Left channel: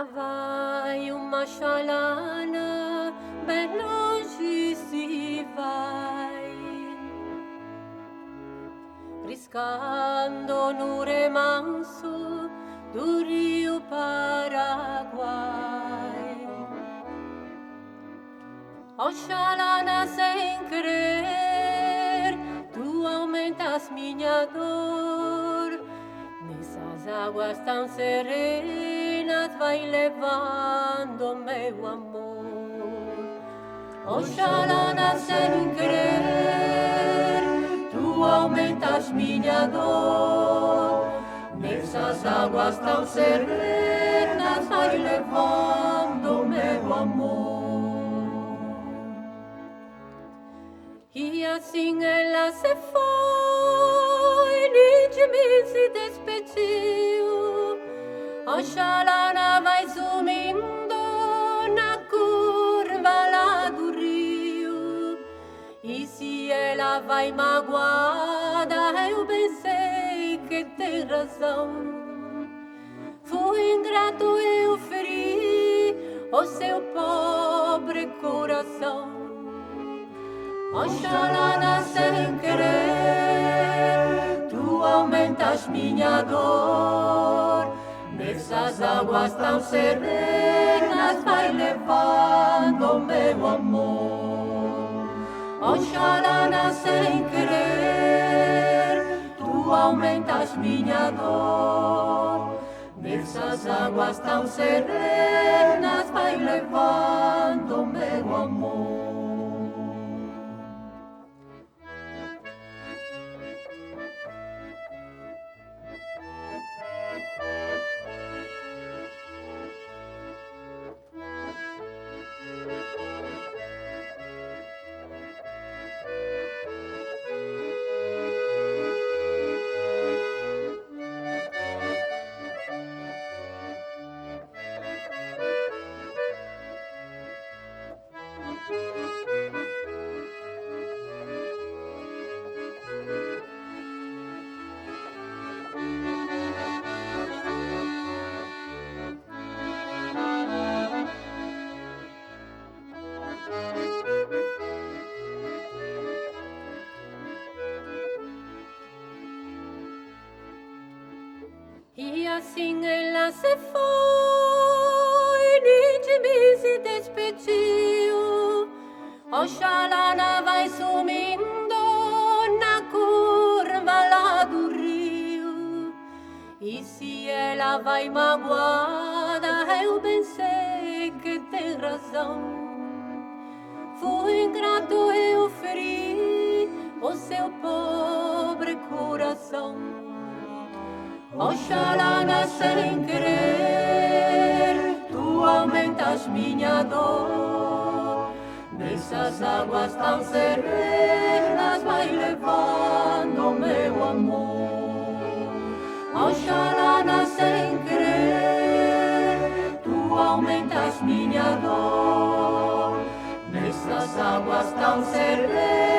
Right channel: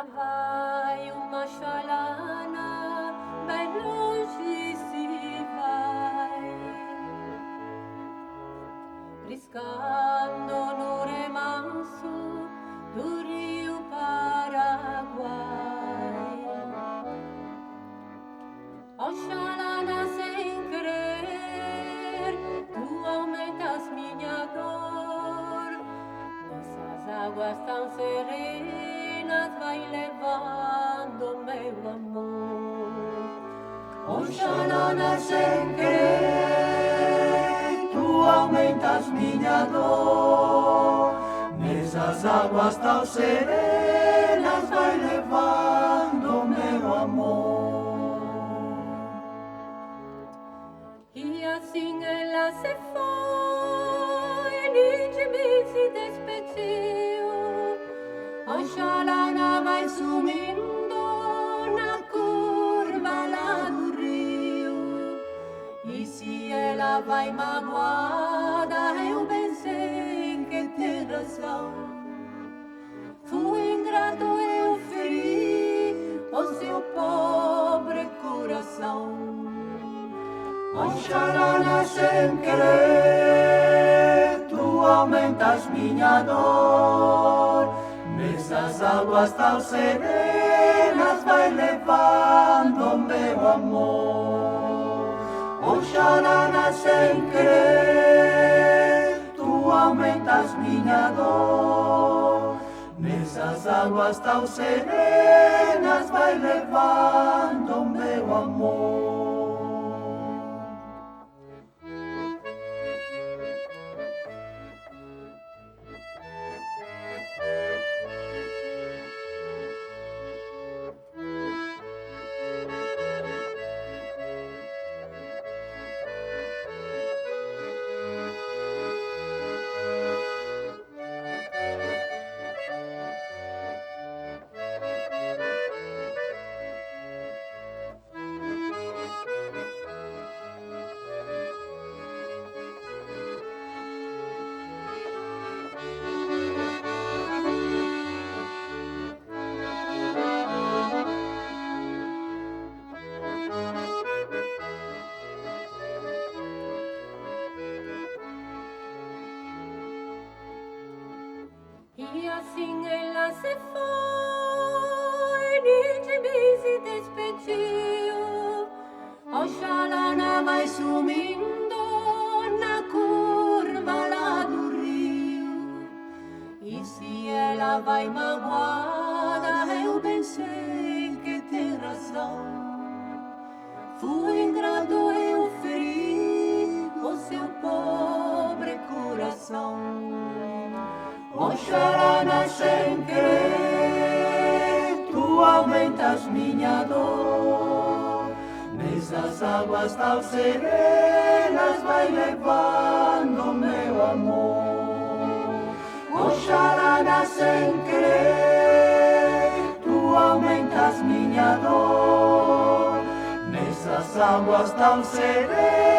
Lá vai uma chalana, bem longe se vai, riscando no remanso do rio Paraguai. Oxalá sem querer, tu aumentas minha dor. Nessas águas tão serenas vai levando meu amor. Oxalá sem querer, tu aumentas minha dor. Nessas águas tão serenas vai levando meu amor. E assim ela se foi, nem de mim se despediu. Oxalá vai sumindo na curva lá do rio. E se ela vai magoada, eu bem sei que tem razão. Fui ingrato, eu feri o seu pobre coração. Oxalá sem querer, tu aumentas minha dor. Nessas águas tão serenas vai levando meu amor. Oxalá sem querer, tu aumentas minha dor. Nessas águas tão serenas vai levando meu amor. E assim ela se foi, nem de mim se despediu. Oxalá vai sumindo na curva lá do rio. E se ela vai magoada, eu bem sei que tem razão. Fui ingrato, eu feri o seu pobre coração. Oxalá sem querer, tu aumentas minha dor. Nessas águas tão serenas vai levando meu amor. Oxalá sem querer, tu aumentas minha dor. Nessas águas tão serenas